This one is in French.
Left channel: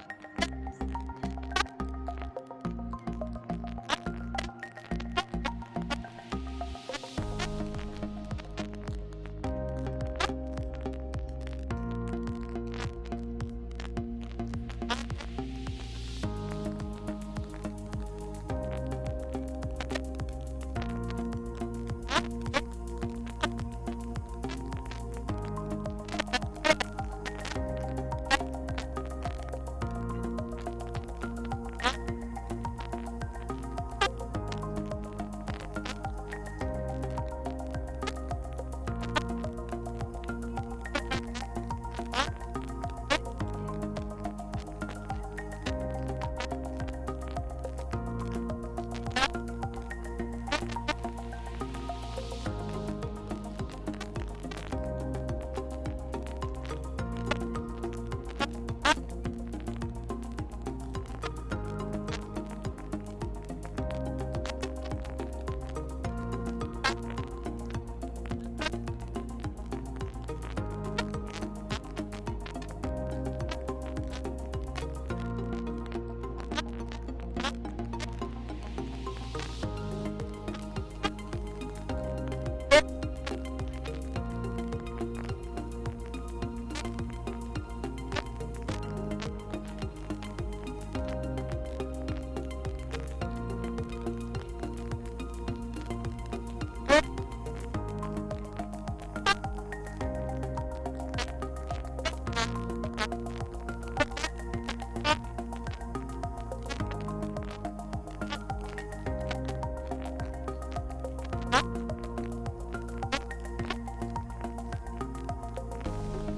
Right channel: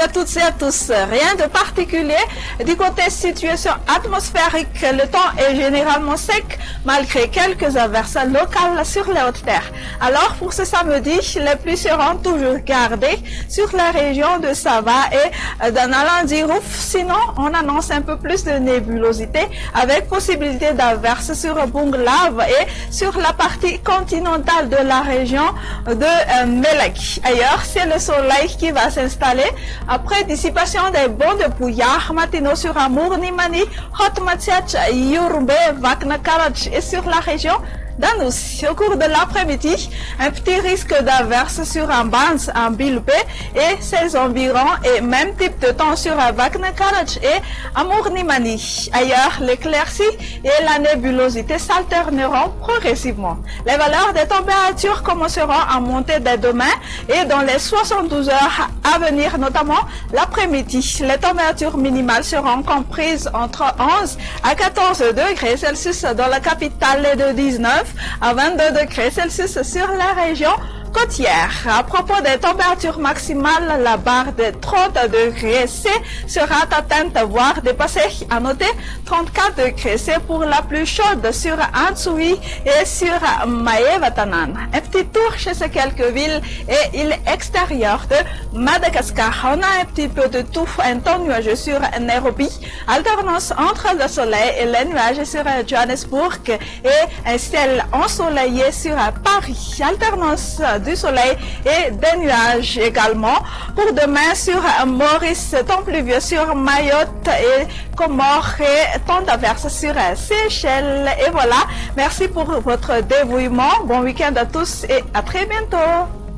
à toutes et à tous. Rien de particulier. Du côté situation atmosphérique, le temps est généralement sec malgré quelques averses locales sur les hautes terres. Alors pour ce samedi, les pluies seront toujours gardées sur la région de Sava et d'Analandirouf. Sinon, on annonce un peu plus de nébulosité avec possibilité d'averses sur Bunglav et sur la partie continentale de la région de Melaki. Ailleurs, c'est le soleil qui va s'installer après dissipation des bancs de brouillard matinaux sur Amour, Nimani, Hotmatiach, Yourbe, Vakna Karach et sur la région d'Anous. Au cours de l'après-midi, un petit risque d'averse sur Ambans, en Bilbe et ses environs et même type de temps sur Vakna Karach et Amour Nimani. Ailleurs, l'éclaircie et la nébulosité s'alterneront progressivement. Les valeurs des températures commenceront à monter dès demain et dans les 72 heures à venir, notamment l'après-midi. Les températures minimales seront comprises entre 11 à 14 degrés Celsius dans la capitale et de 19 à 22 degrés Celsius sur la région côtière. À propos des températures maximales, la barre de 30 degrés C sera atteinte, voire dépassée. À noter 34 degrés C pour la plus chaude sur Antsui et sur Maevatanan. Un petit tour chez ces quelques villes et îles extérieures de Madagascar. On a un petit peu de tout, un temps nuageux sur Nairobi, alternance entre le soleil et les nuages sur Johannesburg et un ciel ensoleillé sur Paris. Alternance du soleil et des nuages également. Pour demain sur Maurice, temps pluvieux sur Mayotte et Comores et temps d'averse sur Seychelles. Et voilà, merci pour votre dévouement. Bon week-end à tous et à très bientôt.